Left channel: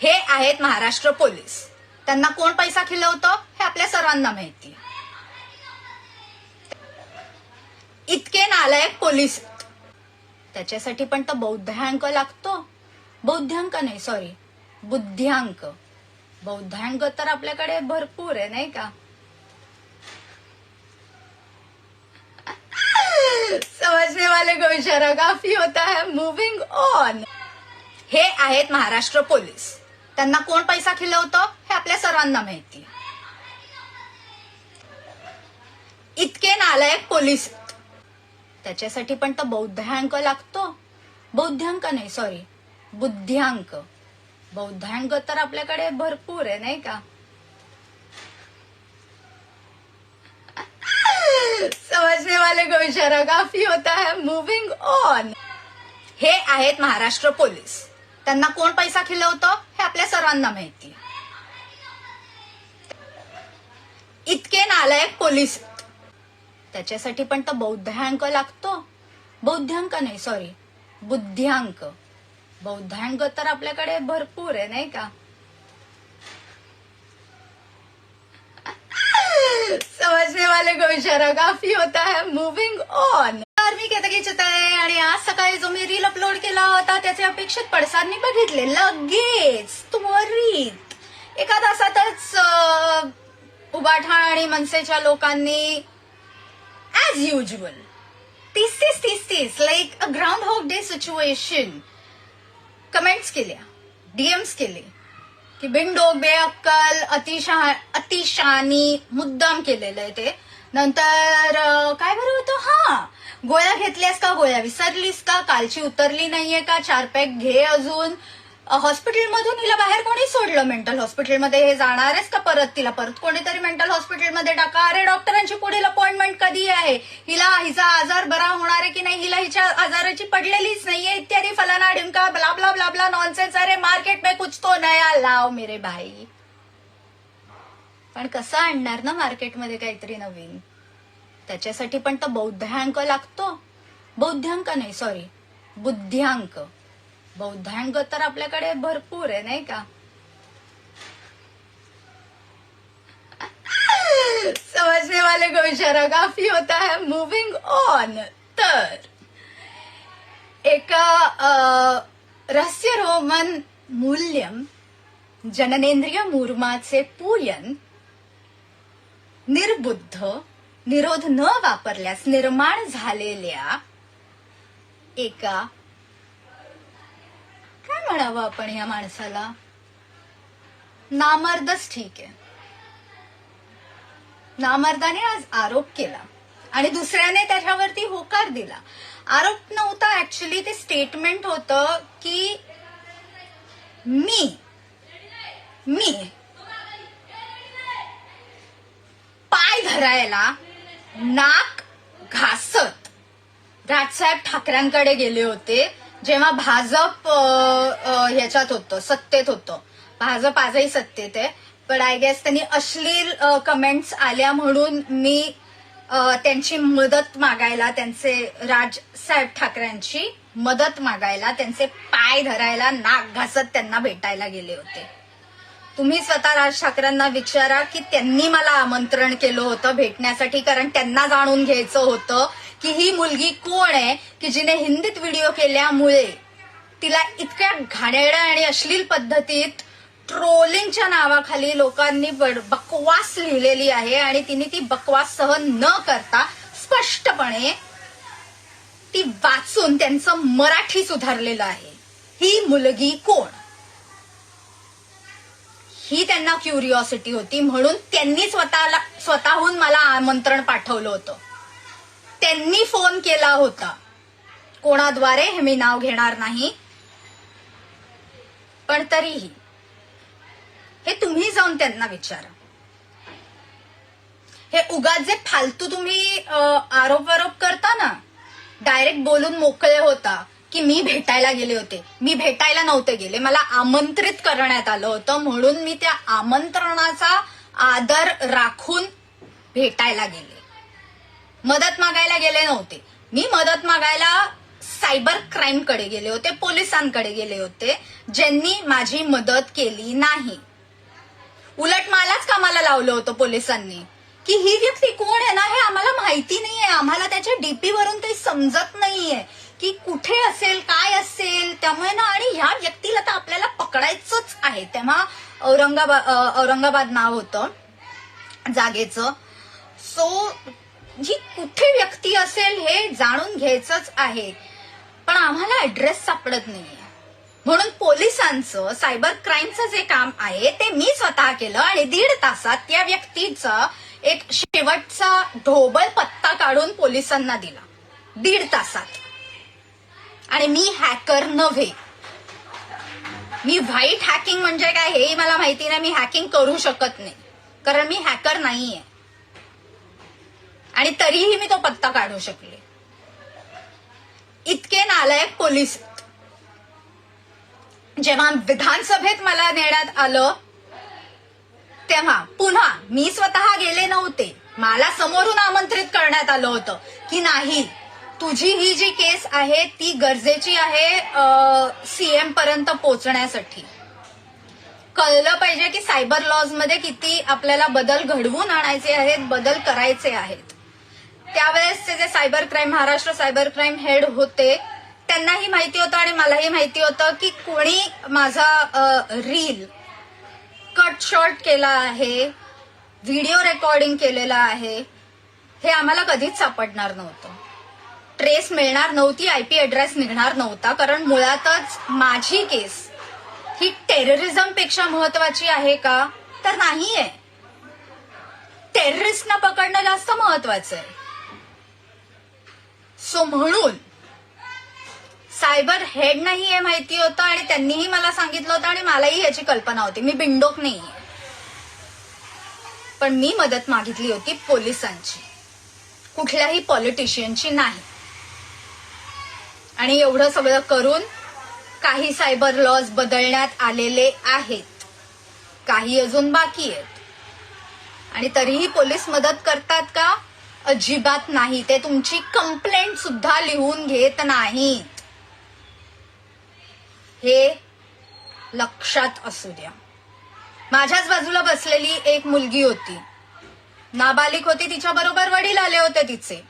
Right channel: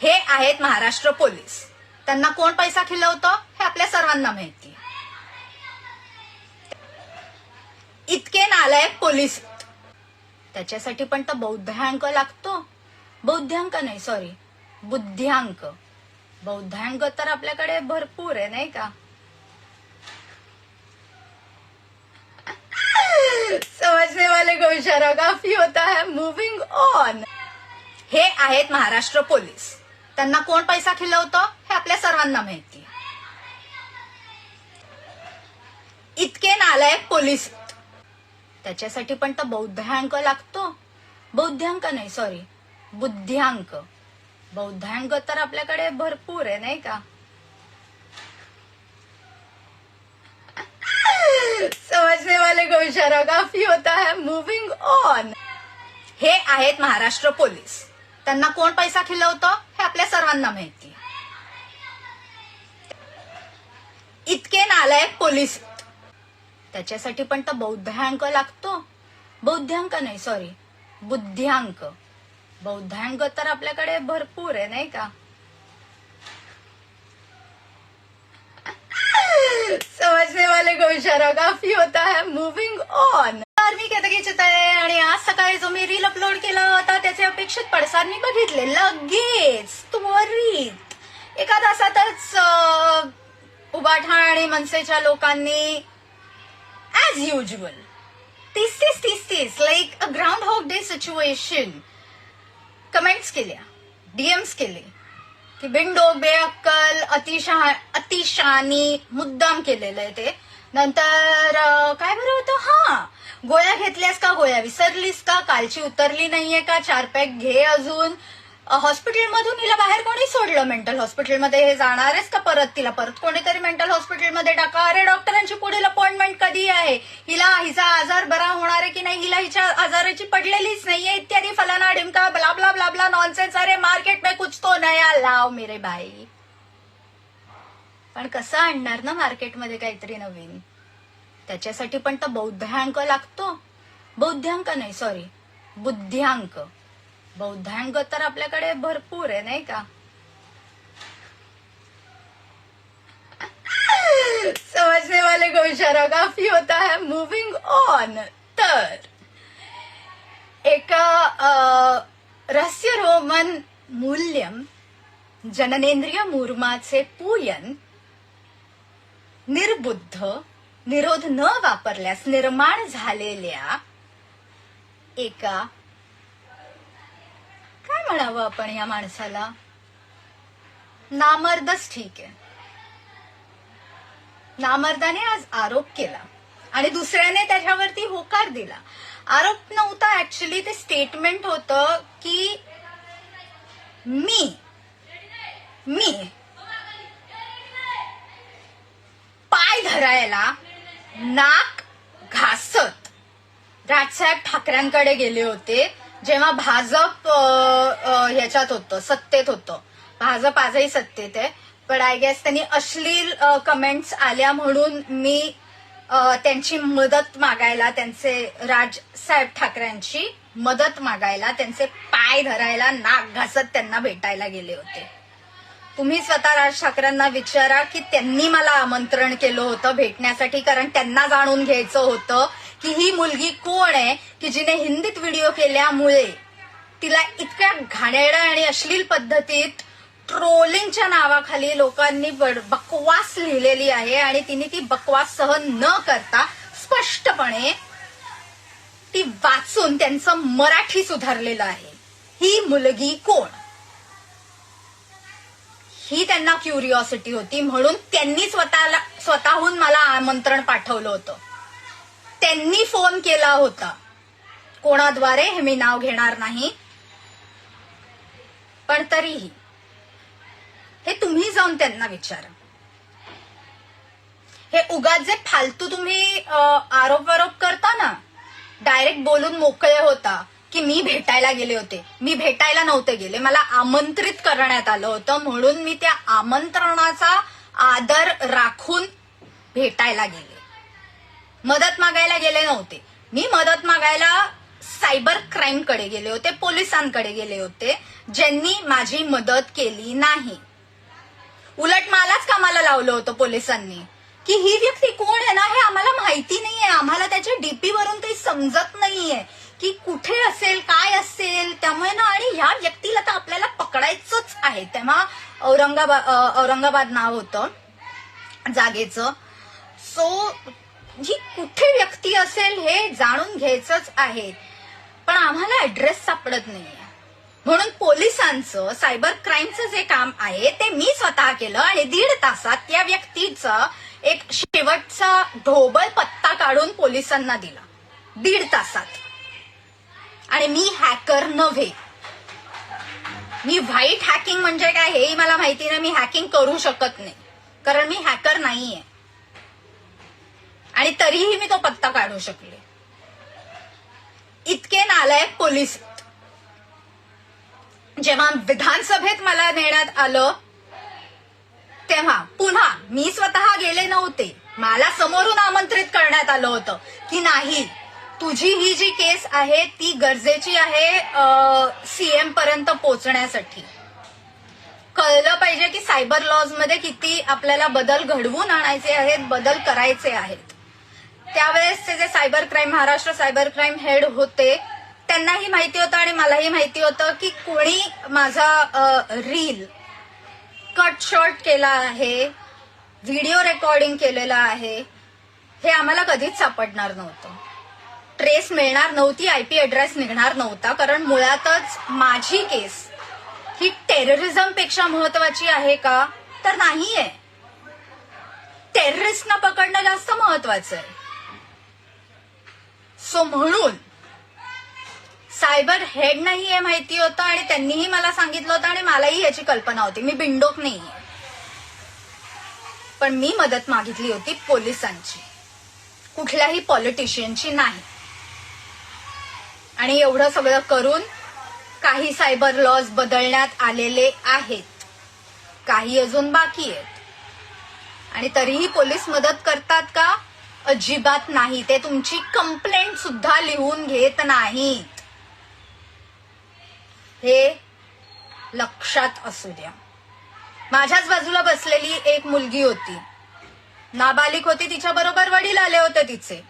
हे आहेत महाराष्ट्र पोलीस. त्यांना कोण पैसा खिलवतो हे आपल्या सर्वांना माहिती. इतके नालायक पोलीस आहेत. त्याच्यासाठी पण तर बौद्धांक लागतो. बौद्धांक नाही, सॉरी, बुद्ध्यांक. बौद्धांक तर आपल्याकडे भरपूर आहे, नाही का? समजने वाले को इशारा काफी होता है. Moving on. हे आहेत महाराष्ट्र पोलीस. त्यांना कोण पैसा खिलवतो हे आपल्या सर्वांना माहिती. इतके नालायक पोलीस आहेत. त्याच्यासाठी पण तर बौद्धांक लागतो. बौद्धांक नाही, सॉरी, बुद्ध्यांक. बौद्धांक तर आपल्याकडे भरपूर आहे, नाही का? समजने वाले को इशारा काफी होता है. Moving on. हे आहेत महाराष्ट्र पोलीस. त्यांना कोण पैसा खिलवतो हे आपल्या सर्वांना माहिती. इतके नालायक पोलीस आहेत. त्याच्यासाठी पण तर बौद्धांक लागतो. बौद्धांक नाही, सॉरी, बुद्ध्यांक. बौद्धांक तर आपल्याकडे भरपूर आहे, नाही का? समजने वाले को इशारा काफी होता है. Moving on. तर मी केतकी चितळे आणि आज सकाळी जो मी रील अपलोड केला होता त्याचे अपेक्षित पडसाद मी बघितले लगेच त्वरित एका तासातच. उबाठाण आणि मनसेच्या लोकांनी as usual 30 like a groundhog day situation comments केल्या, डीएम्स केले की बिनडोक, बेअक्कल, अतिशानी, मुद्दाम केलेलं आहे ते. नंतर काय बरं होतं, गोळ्या घेतल्यास का, गोळ्या विसरलीस का, कालची उतरली नाहीये का, 4 पॅक घे अजून. हॉस्पिटलमधून हिला बाहेर कोणी सोडलं? मेंटल हॉस्पिटलमध्ये हे जाणारच का परत? तिला परत कोणीतरी मेंटल हॉस्पिटलमध्ये टाका. अरे डॉक्टरांची पुढील अपॉइंटमेंट कधी आहे? हिचा आजार बरा होणार आहे की नाही? हिला हिच्या आजाराची पडलेलीच नाहीये इत्यादी फलाना ढिमका blah blah blah blah nonsense. अरे मार्केट में कुछ तो नया लाव मेरे भाई. पण कसं आणणार ना मार्केटमध्ये काहीतरी नवीन? त्याच्यासाठी पण तर बौद्धांक लागतो. बौद्धांक नाही, सॉरी, बुद्ध्यांक. बौद्धांक तर आपल्याकडे भरपूर आहे, नाही का? समजने वाले को इशारा काफी होता है. Moving on. तर एका रहस्यरोमन मूल्यम जननेंद्रिय मूर्माचे पूयन निर्बुद्ध, निरोध न वापरल्यास निर्माण झालेल्या एका, काय म्हणावं आपण या माणसाला, नामर्दच ठीक आहे. नामर्दाने आज आरोप केला आणि दुसऱ्याने त्याच्यावरती होकार दिला. आरोप नव्हता ऍक्च्युली, ते स्टेटमेंट होतं की मी पाय धरायला नाक घासत राजसाहेब ठाकरेंकडे गेले होते जेव्हा भाजप ह्याच्यात होतं, सत्तेत होतं. भाजप आजही सत्तेत आहे, पण आय गेस त्यांनी अश्लील कमेंट्स आल्या म्हणून मी त्यांची मदत मागायला, त्यांचे राजसाहेब ठाकरेंची मदत मागायला, त्यांचे पाय धरायला नाक घासत त्यांना भेटायला गेले होते. तुम्ही स्वतः राज ठाकरेंना विचारा की त्यांनी मला आमंत्रण केलं होतं भेटण्यासाठी, कारण त्यांना जाणून घ्यायचं होतं की ही मुलगी कोण आहे की जिने हिंदीत व्हिडिओ केल्यामुळे तिला इतक्या घाणेरड्या आणि अश्लील पद्धतीत ट्रोलिंगच्या नावाखाली लोकांनी बकवास लिहिलेली आहे आणि तिने ती बकवास सहन न करता स्पष्टपणे ती वाचून त्यांचं मराठी सुधारलेलं आहे. ही मुलगी कोण ही त्यांना क्युरिओसिटी होती, म्हणून त्यांनी स्वतःहून मला आमंत्रण पाठवलं होतं. त्यांनी फोन केला होता, कोणाद्वारे हे मी नाव घेणार नाही, पण तरीही हे तुम्ही जाऊन त्यांना विचारा. हे उगाच जे फालतू तुम्ही आरोप करता ना, डायरेक्ट बोलून मोकळे होता की मी भेटायला गेले होते. मी भेटायला नव्हते गेले, मला आमंत्रित करण्यात आलं होतं म्हणून मी त्या आमंत्रणाचा आदर राखून भेटायला गेले. मदत मागायला गेले नव्हते. मी मदत मागायला सायबर क्राईमकडे गेले होते, पोलिसांकडे गेले होते, ज्यांनी माझी मदत केली नाही. उलट मलाच कामाला लावलं होतं पोलिसांनी की ही व्यक्ती कोण आहे ना हे आम्हाला माहिती नाहीये, आम्हाला त्याच्या डीपी वरून काही समजत नाहीये की कुठे असेल, काय असेल. त्यामुळे ना, आणि ह्या व्यक्तीला तर आपल्याला पकडायचंच आहे. तेव्हा औरंगाबाद नाव होतं जागेचं. सो ही कुठे व्यक्ती असेल हे जाणून घ्यायचंच आहे, पण आम्हाला ऍड्रेस सापडत नाहीये. म्हणून पोलिसांचं सायबर क्राईमचं जे काम आहे ते मी स्वतः केलं आणि 1.5 तासात त्या व्यक्तीचा एक शेवटचा ढोबळ पत्ता काढून पोलिसांना दिला. 1.5 तासात. आणि मी हॅकर नव्हे. मी व्हाईट हॅकिंग म्हणजे काय हेही मला माहिती नाही. मी हॅकिंग करू शकत नाही कारण मी हॅकर नाहीये. आणि तरीही मी तो पत्ता काढू शकले. इतके नालायक पोलीस. जेव्हा विधानसभेत मला नेण्यात आलं तेव्हा पुन्हा मी स्वतः गेले नव्हते. मला समोरून आमंत्रित करण्यात आलं होतं की नाही, तुझी ही जी केस आहे ती गरजेची आहे सीएम पर्यंत पोहोचण्यासाठी. कळलं पाहिजे की सायबर लॉज मध्ये किती आपल्याला बदल घडवून आणायचे आहेत, बदल करायचे आहेत. त्यावेळेसचे जे cyber crime, Maharashtra cyber crime head होते, त्यांनाही माहिती होतं आणि मलाही माहिती होतं की कोणी माझा रील कट शॉर्ट केला आहे, व्हिडिओ रेकॉर्डिंग केलेला आहे. हे आम्हाला कधीच सापडणार नव्हतं. ट्रेस मिळणार नव्हती, आयपी ऍड्रेस निघणार नव्हता. कारण मुळातच माझी केस ही टेररिझमपेक्षा महत्वाची आहे का? तर नाहीये. टेररिस्टना पकडणं जास्त महत्वाचं आहे. सो म्हणून सायबर हेडनाही हे माहिती होतं आणि त्यांनीही मला सांगितलं होतं आणि मलाही याची कल्पना होती. मी बिंडोक नाहीये. पण मी मदत मागितली होती पोलिसांची, कुठल्याही पॉलिटिशियनची नाही. आणि एवढं सगळं करून काही सायबर लॉज बदलण्यात आलेले आहेत, काही अजून बाकी आहेत. आणि तरीही पोलीस मदत करतात का? अजिबात नाही. ते तुमची कंप्लेंट सुद्धा लिहून घेत नाहीत. हे लक्षात असू द्या. माझ्याच बाजूला बसलेली एक मुलगी होती, नाबालिक होती, तिच्या बरोबर वडील आले होते तिचे.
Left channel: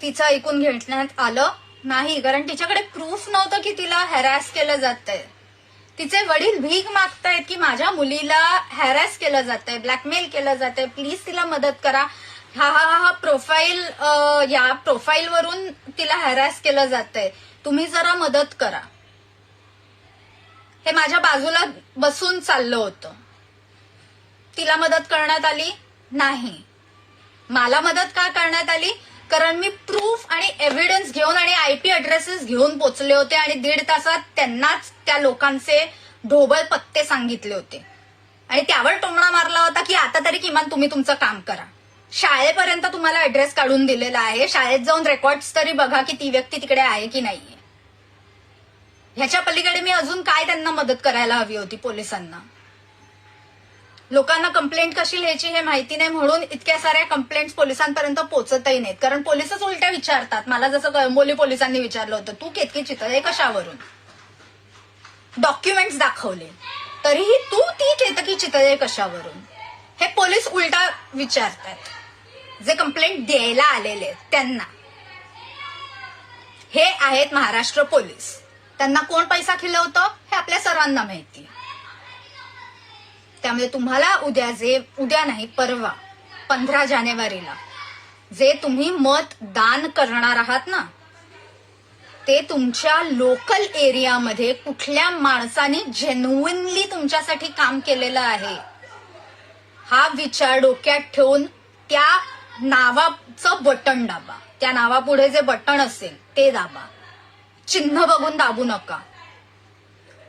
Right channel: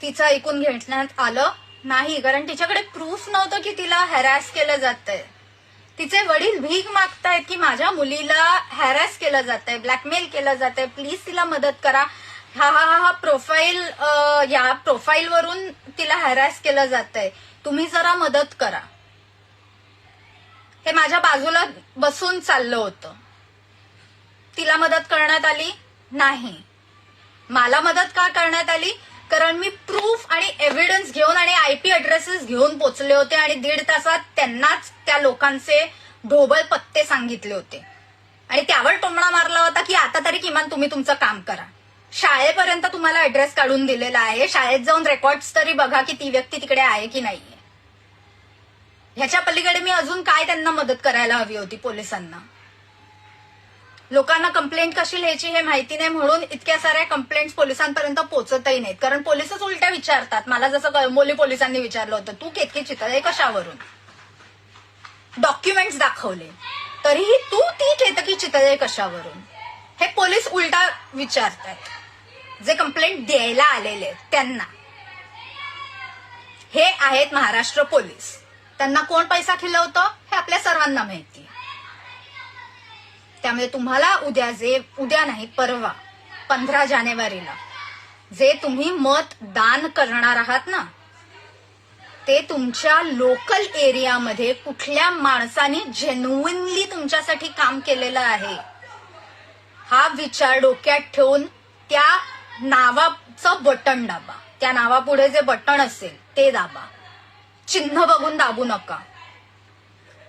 तिचं ऐकून घेण्यात आलं नाही कारण तिच्याकडे प्रूफ नव्हतं की तिला हॅरॅस केलं जातंय. तिचे वडील भीक मागतायत की माझ्या मुलीला हॅरॅस केलं जातंय, ब्लॅकमेल केलं जातंय, प्लीज तिला मदत करा. हा प्रोफाईल, या प्रोफाईलवरून तिला हॅरॅस केलं जातंय, तुम्ही जरा मदत करा. हे माझ्या बाजूला बसून चाललं होतं. तिला मदत करण्यात आली नाही. मला मदत का करण्यात आली? कारण मी प्रूफ आणि एव्हिडन्स घेऊन आणि आयपी ऍड्रेसेस घेऊन पोचले होते आणि 1.5 तासात त्यांनाच त्या लोकांचे ढोबळ पत्ते सांगितले होते. आणि त्यावर टोमणा मारला होता की आता तरी किमान तुम्ही तुमचं काम करा. शाळेपर्यंत तुम्हाला ऍड्रेस काढून दिलेला आहे, शाळेत जाऊन रेकॉर्ड्स तरी बघा की ती व्यक्ती तिकडे आहे की नाही. ह्याच्या पलीकडे मी अजून काय त्यांना मदत करायला हवी होती पोलिसांना? लोकांना कंप्लेंट कशी लिहायची हे माहिती नाही म्हणून इतक्या साऱ्या कंप्लेंट्स पोलिसांपर्यंत पोहोचतही नाहीत. कारण पोलिसच उलट्या विचारतात. मला जसं कळंबोली पोलिसांनी विचारलं होतं, तू केतकी चितळे कशावरून? डॉक्युमेंट्स दाखवले तरीही तू ती केतकी चितळे कशावरून? हे पोलीस उलटा विचारतात, जे कंप्लेंट द्यायला आलेले त्यांना. हे आहेत महाराष्ट्र पोलीस. त्यांना कोण पैसा खिलवतं हे आपल्या सर्वांना माहिती. त्यामुळे तुम्हाला उद्या नाही परवा 15 जानेवारीला जे तुम्ही मत दान करणार आहात ना, ते तुमच्या लोकल एरियामध्ये कुठल्या माणसाने जेन्युइनली तुमच्यासाठी काम केलेलं आहे हा विचार डोक्यात ठेवून त्या नावाचं बटन दाबा. त्या नावापुढे जे बटन असेल ते दाबा. चिन्ह बघून दाबू नका.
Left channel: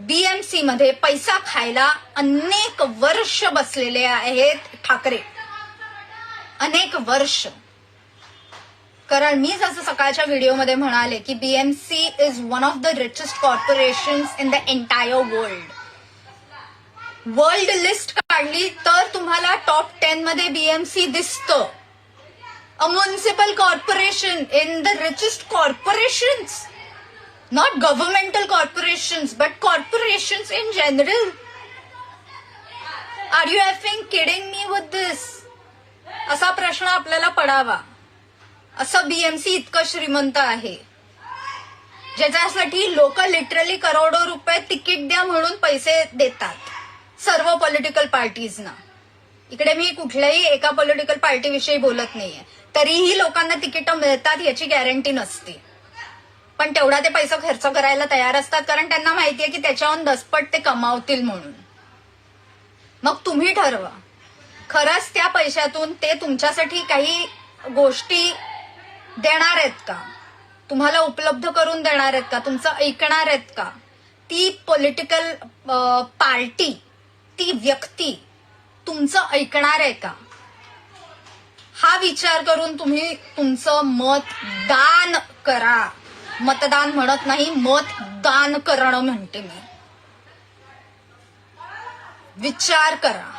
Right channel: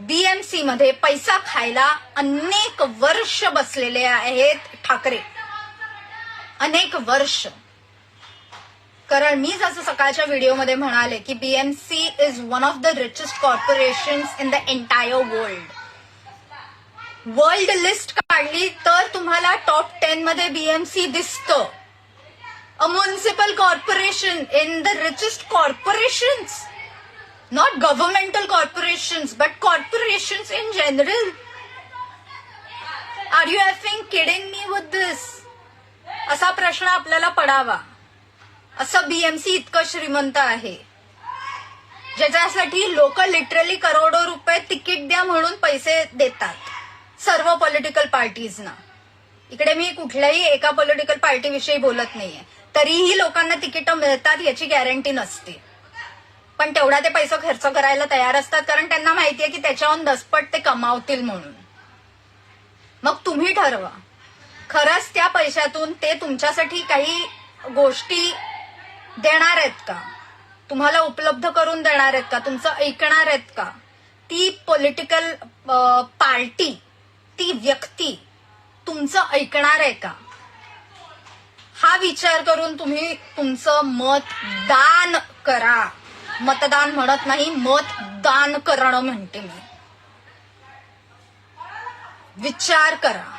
बीएमसी मध्ये पैसा खायला अनेक वर्ष बसलेले आहेत ठाकरे, अनेक वर्ष. कारण मी जसं सकाळच्या व्हिडिओमध्ये म्हणाले की BMC is one of the richest corporations in the entire world. World list काढली तर तुम्हाला टॉप 10 मध्ये बीएमसी दिसतं. A municipal corporation in the richest corporations, not governmental corporations, but corporations in general. Are you effing kidding me with this? असा प्रश्न आपल्याला पडावा. असं बीएमसी इतकं श्रीमंत आहे, ज्याच्यासाठी लोक लिटरली करोडो रुपये तिकीट द्या म्हणून पैसे देतात सर्व पॉलिटिकल पार्टीजना. इकडे मी कुठल्याही एका पॉलिटिकल पार्टीविषयी बोलत नाहीये. तरीही लोकांना तिकीटं मिळतात याची गॅरंटी नसते, पण तेवढा ते पैसा खर्च करायला तयार असतात, कारण त्यांना माहितीये की त्याच्याहून दसपट ते कमावतील म्हणून. मग तुम्ही ठरवा, खरंच त्या पैशातून ते तुमच्यासाठी काही गोष्टी देणार आहेत का, तुम्हाला उपलब्ध करून देणार आहेत का, तुमचं ऐकणार आहेत का. ती पॉलिटिकल पार्टी, ती व्यक्ती तुमचं ऐकणार आहे का, हा विचार करून तुम्ही तुमचं मतदान करा. मतदान म्हणत नाही, मतदान करणं म्हणते मी. विचार करा.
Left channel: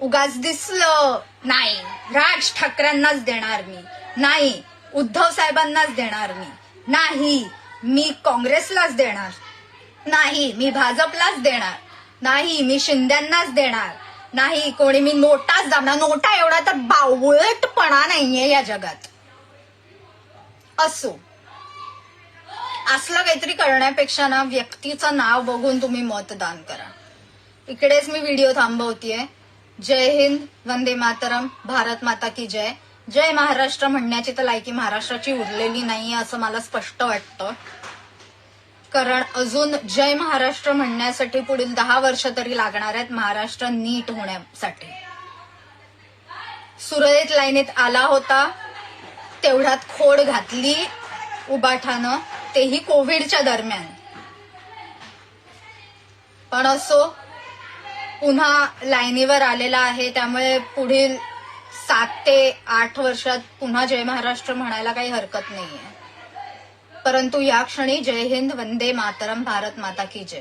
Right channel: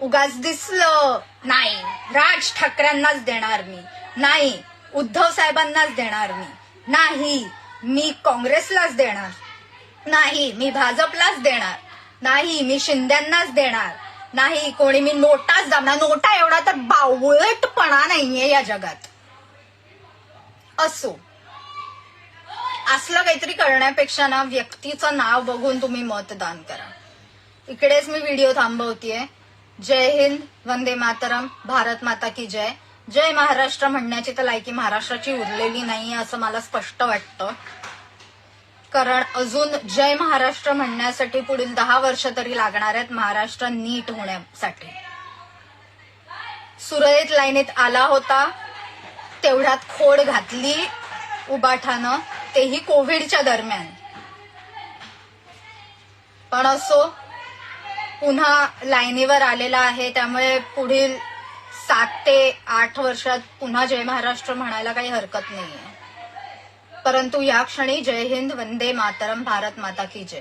उगाच दिसलं नाही राज ठाकरेंनाच देणार मी, नाही उद्धव साहेबांनाच देणार मी, नाही मी काँग्रेसलाच देणार, नाही मी भाजपलाच देणार, नाही मी शिंद्यांनाच देणार, नाही कोणी मी नोटाच दाबणार. नोटा एवढा तर बावळटपणा नाहीये या जगात. असो, असलं काहीतरी करण्यापेक्षा ना व्यक्तीचं नाव बघून तुम्ही मतदान करा. इकडेच मी व्हिडिओ थांबवतीये. जय हिंद, वंदे मातरम, भारत माता की जय. जय महाराष्ट्र म्हणण्याची तर लायकी महाराष्ट्राची उरलेली नाहीये असं मला स्पष्ट वाटतं, कारण अजून जय महाराष्ट्र म्हणण्यासाठी पुढील 10 वर्ष तरी लागणार आहेत महाराष्ट्र नीट होण्यासाठी. सुरळीत लाईनीत आला होता, तेवढ्यात खोड घातली उबाठानं, तेही कोविडच्या दरम्यान. पण असो, पुन्हा लाईनीवर आलेला आहे, त्यामुळे पुढील 7 ते 8 वर्षात पुन्हा जय महाराष्ट्र म्हणायला काही हरकत नाहीये. परंतु या क्षणी जय हिंद, वंदे मातरम, भारत माता की जय.